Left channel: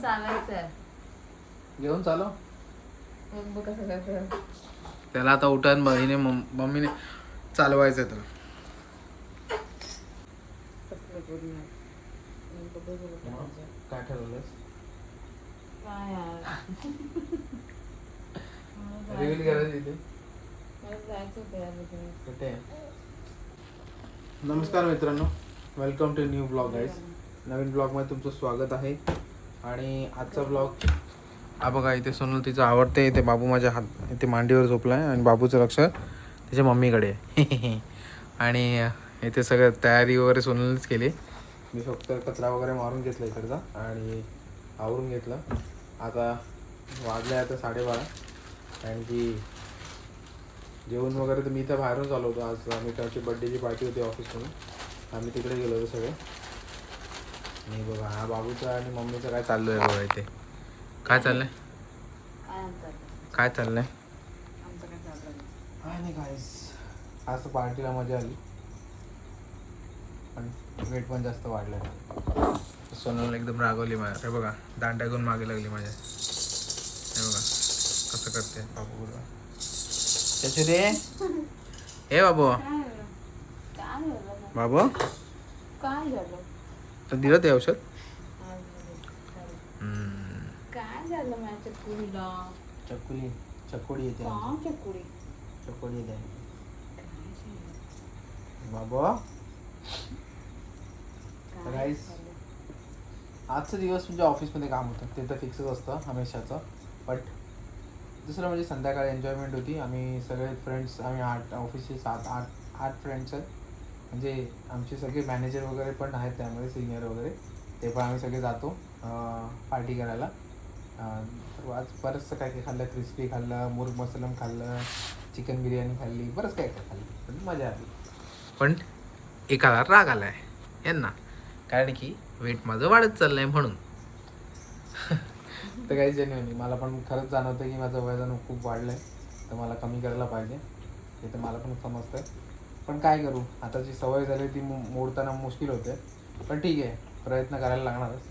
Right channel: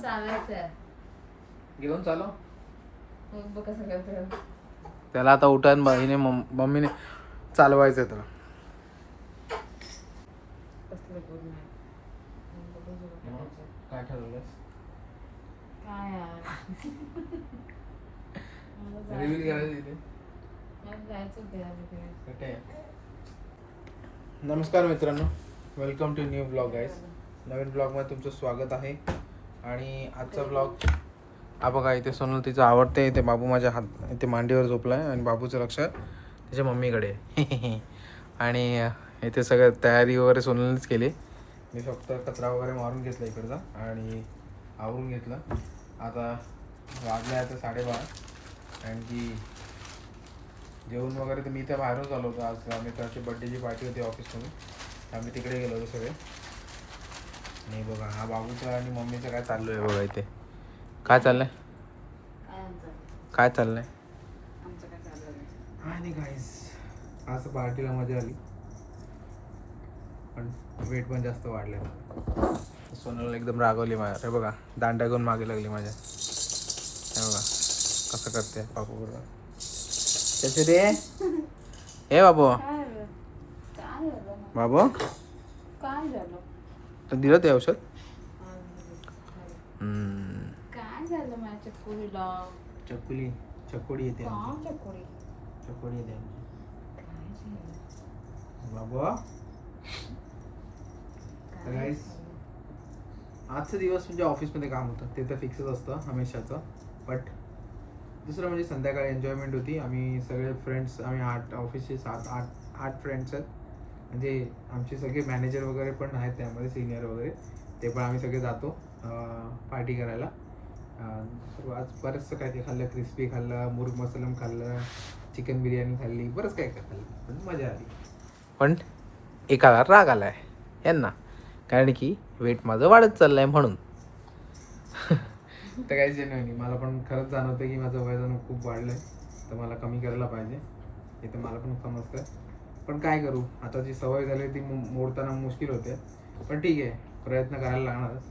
चालायचं घेऊन चालो. मग बघ कसं करतो. त्याला आता उठान बहिणी मम्मीने चालवायचं आहे त्याला कसलं पूर्ण मग बघ बघ बघ. करायचं. काय ठरवलं काय यार? मला रिव्हील करायचं इथे. मला जायचं होतं यार तिकडे. कुठे नमस्कार मित्रांनो. Welcome to new vlog guys नवीन ब्लॉगमध्ये तुमचं स्वागत आहे. आणि आजचा ब्लॉग हा बघा इथे सोनल तिचं आवडते इथे बाबू माझ्या हात इथे मांडीवर झोपला आहे आणि बाबूचं लक्ष त्याच्या मम्मीकडे आहे. आणि इथे सगळं तयारी वगैरे सोनलनेच केली. मी फक्त कचरा वगैरे मारून घेतला इकडचा आणि आवरून घेतलं. आता वाजले आता साडेबारा. कारण की जेवण वगैरे तर मी इथं बाहेरून चालवतो. होतो आज त्याची बड्डेची पार्टी होती ऑफिसमधून आम्ही तिकडे गेलो होतो सगळे. आणि बघा हा बाबूचं आणि मम्मीचं काय चाललं आहे बघा इथे? काय चाललंय? काय काय चाललंय? काय नाही. काहीच आज पार्टीला मजा आली. पण वेट पण जास्त वाढलं सोनल एकदम रागवली माझ्या हे बघा दांड्या घेऊन मागे लागली माझ्या. हे बघा कसं करते बाबू बघा. त्याचे रे? हे बाबू. काय काय? बाबू? काय झालं? तर दिलं ते औषध? काय- झालं माझ्या चकुली चकोडी येते का क्या कुळी चकोडी येते? बाबू. Guys. आजचा दिवस म्हणजे ऑफिसमध्ये काम होतं. ते तर फिक्सच असतं हमेशाचं. बट दुसरं म्हणजे संध्याकाळी एन्जॉयमेंट होती. आम्ही सगळे फ्रेंड्स आम्ही आठ ऑफिसचे सात आठ आठ फ्रेंड्स आहेत. म्हणजे आमचे सगळे मॅनेजर वगैरे पण आहेत त्यामध्ये सिनियर वगैरे. ते पण आम्ही सगळे जातो पार्टी करायला. तर आज बरंचसं काय काय खाल्लं? क्रिस्पी खाल्लं मुर्ग मसलम खाल्लं चिकन बिर्याणी खाल्ली बरंच काय काय खाल्लं. पण मजा आली. पण एकाला राग आलाय यांना. कारण की वेट माझं वाढत चाललंय म्हणून. तर काही जेन्युअनली मला पण खरंच जाणवतं की माझं वजन खूप वाढलंय. तर मला कमी करायला पाहिजे. हे तर मला पण समजतंय. पण काय करू? आता जी सवय झाली ती मोडताना मुश्किल होते. पण ठीक आहे प्रयत्न करायला लागणारच.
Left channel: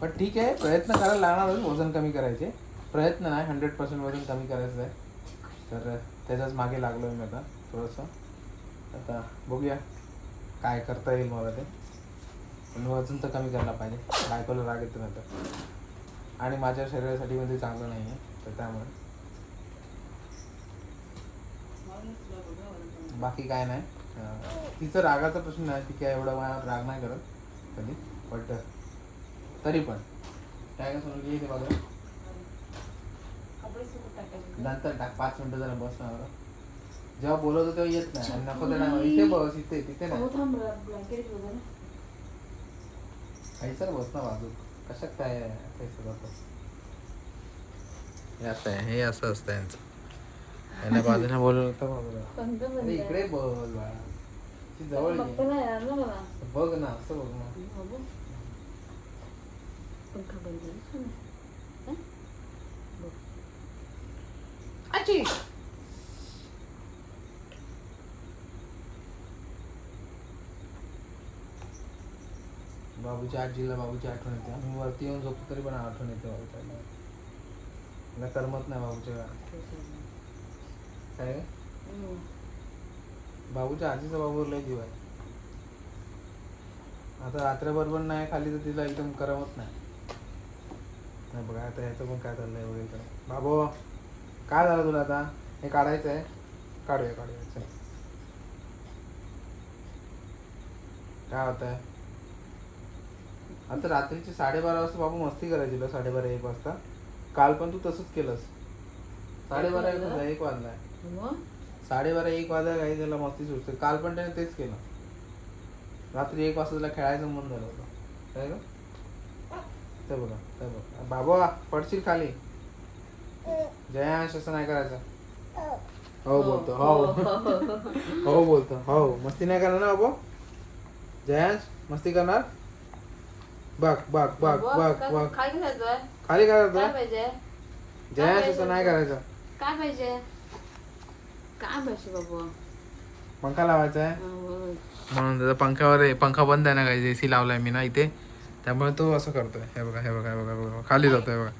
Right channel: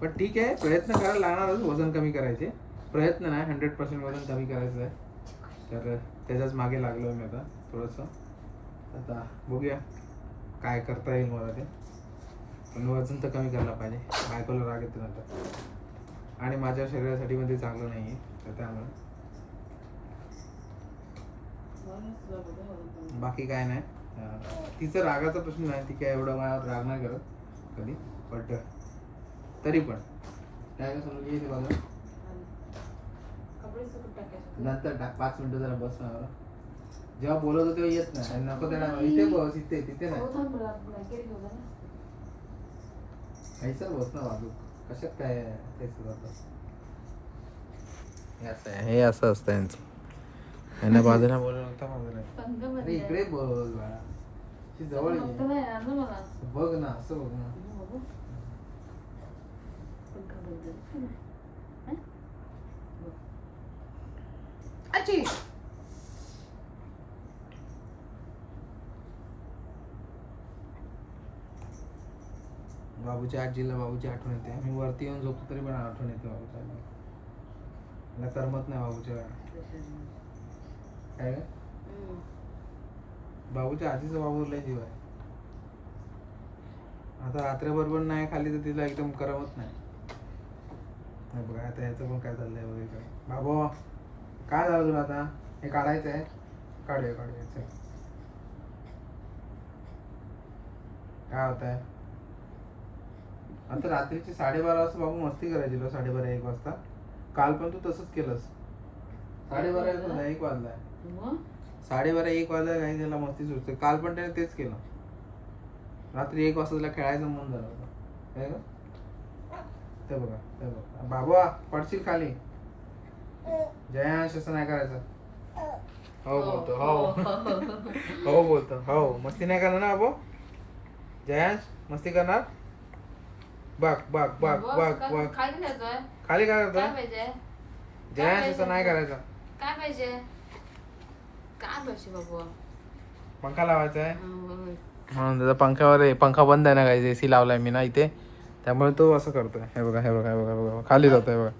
पण ठीक आहे प्रयत्न करायला लागणारच वजन कमी करायचे. प्रयत्न नाही हंड्रेड पर्सेंट वजन कमी करायचं आहे. तर त्याच्याच मागे लागलो मी आता थोडंसं. आता बघूया काय करता येईल मला ते. पण वजन तर कमी करायला पाहिजे. बायकोला राग येतो नंतर आणि माझ्या शरीरासाठी मध्ये चांगलं नाही आहे तर त्यामुळे. बाकी काय नाही. तिचं रागाचा प्रश्न नाही ती काय एवढा मला राग नाही करत कधी बट तरी पण. काय काय समजून येईल नंतर टाक पाच मिनिटं जरा बस ना जेव्हा बोलवतो तेव्हा येत नाही आणि नको ना इथे बस इथे तिथे नाही. काही सर बस ना बाजू. कशात काय काही असं आहे हे असं असतं यांचं. हिने बाजूने बोलवलं तर बाजूला अरे इकडे बघ ती जवळ ये. बघ ना असं बघ ना. बाबूच्या आजीला बाबूची आठवण येते. आम्ही वरती येऊन झोपतो तरी पण आठवण येते बाबूच्या मला करमत नाही बाबूच्या. काय बाबूच्या आजीचा बाबू लय जीव आहे. आता रात्रभर पण नाही खाली तर तिला एकदम करमत नाही. नाही बघा आता ह्याचं पण काय चाललंय वगैरे काय. बाबू काय झालं तुला आता? हे काढायचं आहे. काढूया काढूया. चल. काय होत आहे आता रात्रीचे साडेबारा वाजता बाबू मस्ती करायची तुला साडेबारा एक वाजता. काल पण तू तसंच केलंस. साडेबारा एक वाजला एक वाजलाय मग? साडेबारा एक वाजता काही त्याला मस्ती सुचते काल पण त्याने तेच केलं. रात्री एक वाजता त्याला खेळायचं मन झालं होतं. काय ग? ते बघा ते बघा. बाबा पडशील खाली? जयांश असं नाही करायचं. हो बोलतो हो. हो बोलतो हो. मस्ती नाही करणार ना बाबू? जयांश मस्ती करणार? बघ बघ बघ बघ बघ. खाली काय करतो जयांश असं नाही करायचं. काय पाहिजे? पंखा लावायचा आहे. म्हणून त्याचा पंख्यावर आहे पंखा बंद आहे ना काही ए सी लावलाय मी ना इथे. त्यामुळे तो असं करतोय. हे बघा हे बघा हे बघा हे बघा खाली जातोय हे बघा.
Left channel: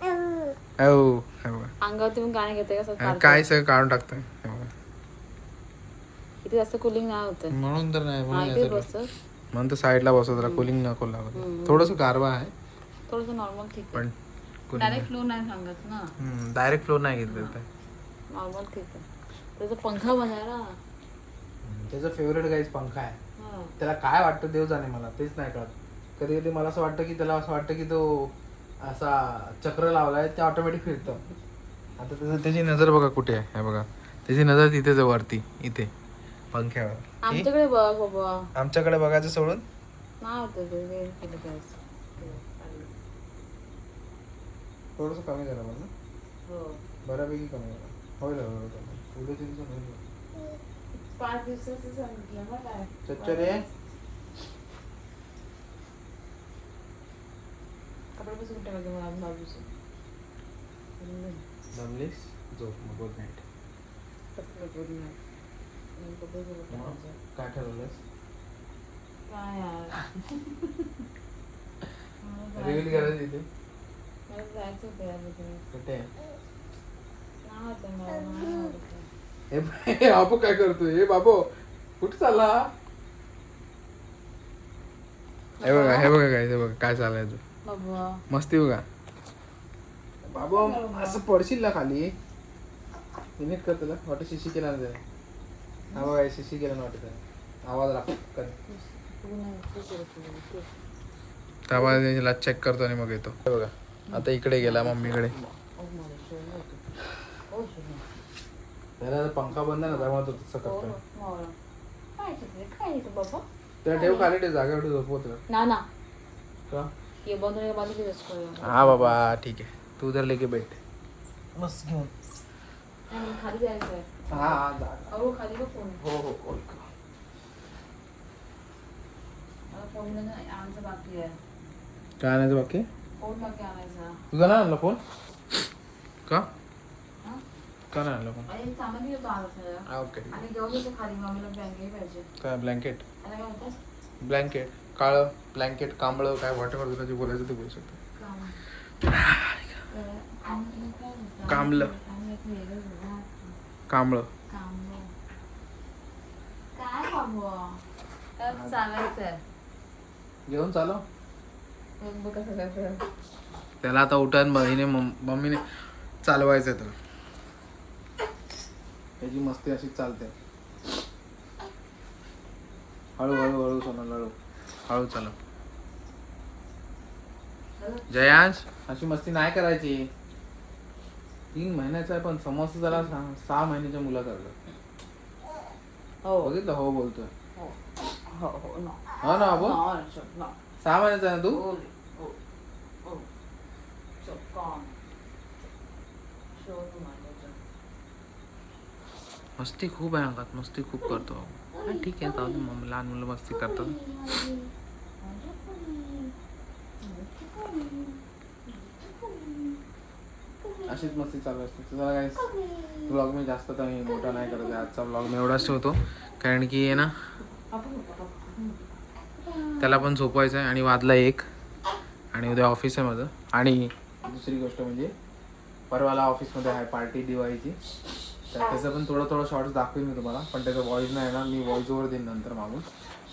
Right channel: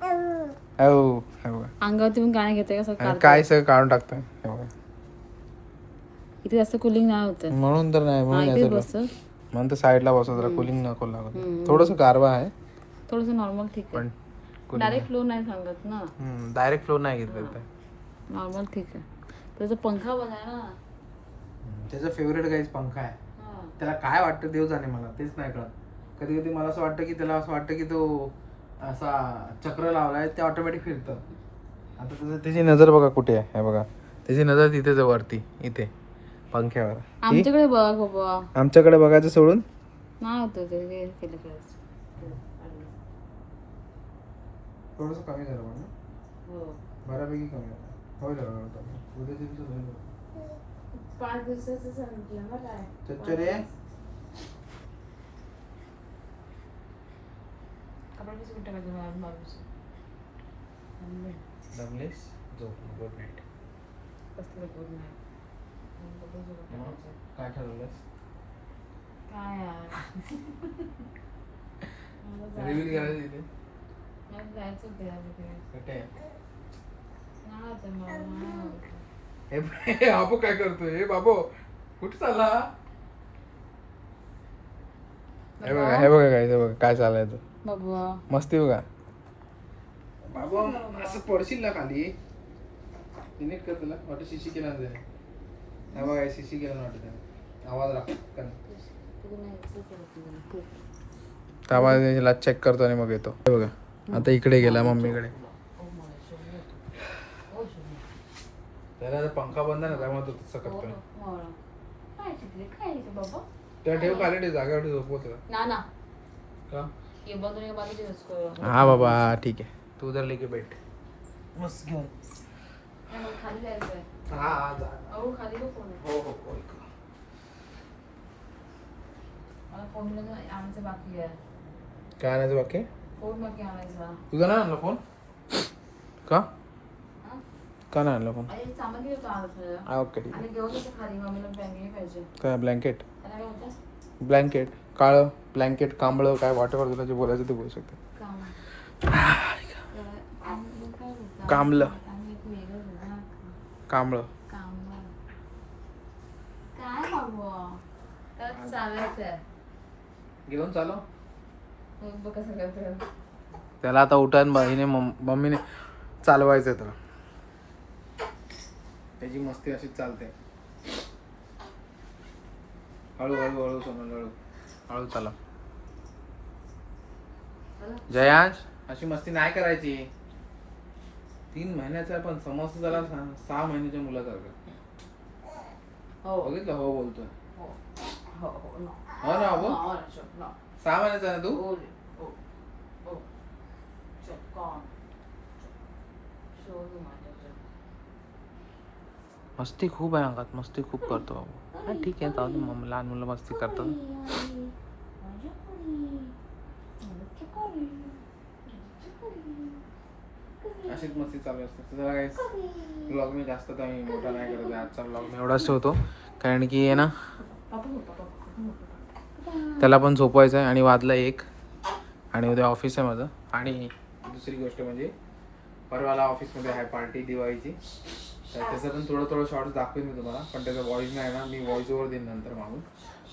हो हे बघा घेते कसं आणि काय सगळं काढून टाकतोय? हे बघा. इथे जास्त कुलिंग नाही होत. म्हणून तर नाही म्हणून नाही तुला. म्हणून तर साईडला बसव जरा कुलिंग नको लागत थोडंसं गारवा आहे. थोडस नॉर्मल ठीक आहे. पण डायरेक्ट फ्लो नाही सांगत ना. डायरेक्ट फ्लो नाही घेतलं ते नॉर्मल ठीक आहे. त्याचा पंखा बघा ना. त्याचा फेवरेट गाईज पंखा आहे. हा. त्याला काय वाटतं देव जाणे मला तेच नाही कळत. कधी कधी मला असं वाटतं की त्याला असं वाटतं की तो असा चक्र लावलाय ते ऑटोमॅटिक फिरतं. आता त्याचं त्याची नजर बघा कुठे आहे हे बघा. त्याची नजर तिथेच आहे वरती इथे पंख्यावर. ती आमच्याकडे बघा बाबा. आमच्याकडे बघायचं सोडून? नाही होतं ते वेळ केलं करायचं थोडंसं कमी झालं ना? हो. बऱ्यापैकी कमी झालं. होईल हळूहळू कमी. पाच दिवसाचं सांगितलं काय चच्चर. रे कपडे मला बाजूचे. झोप मग गुड नाईट. कसलं पाहिजे काय ठरवलंस? काय यार मला रिव्हील करायचं इथे मला जायचं कुठे? होतं मला. हे बाबू काय करतोय? हे बाबू कुठे चालला? हे बघा हे बघा काय हे बघा काय चालायचं बाबा मस्ती बघा. बाबा असं पडशील ना खाली. तुम्ही कर तुला वाटत शिशी केला ना त्याने. हा बघा शिशी केला ना वाटत. आवाज लागतो तू नाही खूप होतं. त्यामुळे त्याला चेक करतो आणि मग येतो. आता इकडे गेला मम्मीकडे. त्याला पंखा बंद ना त्यामुळे तो तसं ओ, करतोय. हो. काय? काय बाबा? त्या ठेव खाली ठेव जागेवर ठेव झोपवत ना ना. का ये बंद होने के बाद ही हा बाबा ठीक आहे. तू उधर लेके बैठ. मस्त घेऊन. नाही मला खाली जायचं आहे. हा हा जा जा. अहो खाली बघ फोन. हो हो हो फोन आमचं बाकी आहे. काय आणायचं बाकी? फोन बाकी आणायचा. तुझा नाही आणला फोन? का? हा? का नाही आणला फोन आणि सामान घेतो आणत हा ओके ठीक आणि घेऊन येते खाली मम्मीला बँके पाहिजे. आहे काय ब्लँकेट त्याला काय होतं ब्लँकेट काळं ब्लँकेट कांबळं काय वाटेवर तुला जे बोलायचं ते बोलू शकतो. काम आणि काय होतं कामलं. आणि एक वेगळं होतं. कांबळं. कामलं. काय बाबा तर चालायचं आहे. घेऊन चालव मग बघ कसं करतं त्याला आता उठान बहिणी मम्मीने चालवायचं आहे त्याला त्याची मस्ती अशी चालते. हळू हळू हळू सोनल हळू. हळू चला. जयांश? अशी मस्ती नाही करायची. तीन महिन्याचा आहे पण समजतं त्याला सहा सहा महिन्याच्या मुलासारखं. हो. बघितलं? हो बोलतोय. हो. हो हो ना. हो ना बाबू. सहा महिन्याचा आहे ना तू हो, हो, हो. चल, calm. शोधू माझ्याचं. मस्ती खूप आहे अंगात मस्ती खूप करतो बाबू हा ठीक आहे जाऊ दे मग लहान मुलं मस्ती करतात. अशीच मस्ती चालू असते. तर जरा काही ब्लॉग मी जास्त मी मोठा नाही करत आहे. आजचा ब्लॉग मी एवढाच ठेवतो. कारण की आहे ना. त्याला पण झोपवायचं आहे आणि वाजला एक. आणि उद्या ऑफिस आहे माझं. आणि दुसरी गोष्ट म्हणजे परवाला ऑफिसमध्ये आहे पार्टी दिवाळीची. तर त्याचं पण थोडं थोडं शॉर्ट्स दाखवेन मी तुम्हाला पण त्याचं व्हॉइस नाही येणार मी व्हॉइस ओवर देईन नंतर मागून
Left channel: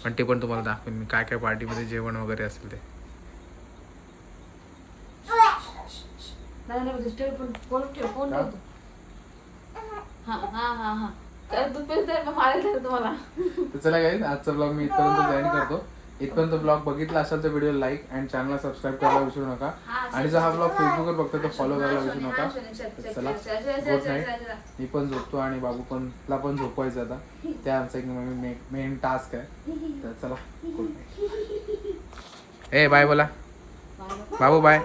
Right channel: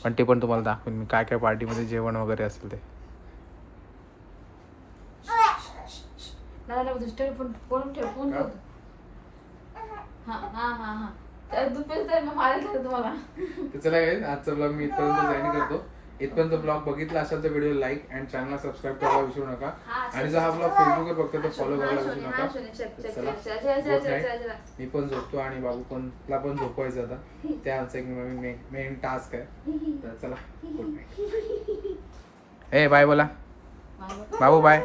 पण ते पण तुम्हाला दाखवेन मी काय काय पार्टीमध्ये जेवण वगैरे असेल ते नाही, नाही, disturb फोन- फोन ठेव, फोन का? ठेव. हा, हा, हा, हा. तर दूध पिलं तर मग मारायला जातं तुम्हाला. तर चला आजचा ब्लॉग मी इथपर्यंत जॉईन करतो इथपर्यंत ब्लॉग बघितला असेल तर व्हिडिओ लाईक अँड चॅनलला सबस्क्राईब करायला विसरू नका. आणि जर हा ब्लॉग फेसबुकवर बघतो तर फॉलो करायला विसरू नका. हा, चल, गुड नाईट. मी पण झोपतो आणि बाबू पण ला पण झोपवायचं आता. ते आमचं एक मेन टास्क आहे. तर चला गुड नाईट ए बाय बोला. बाबू बाय.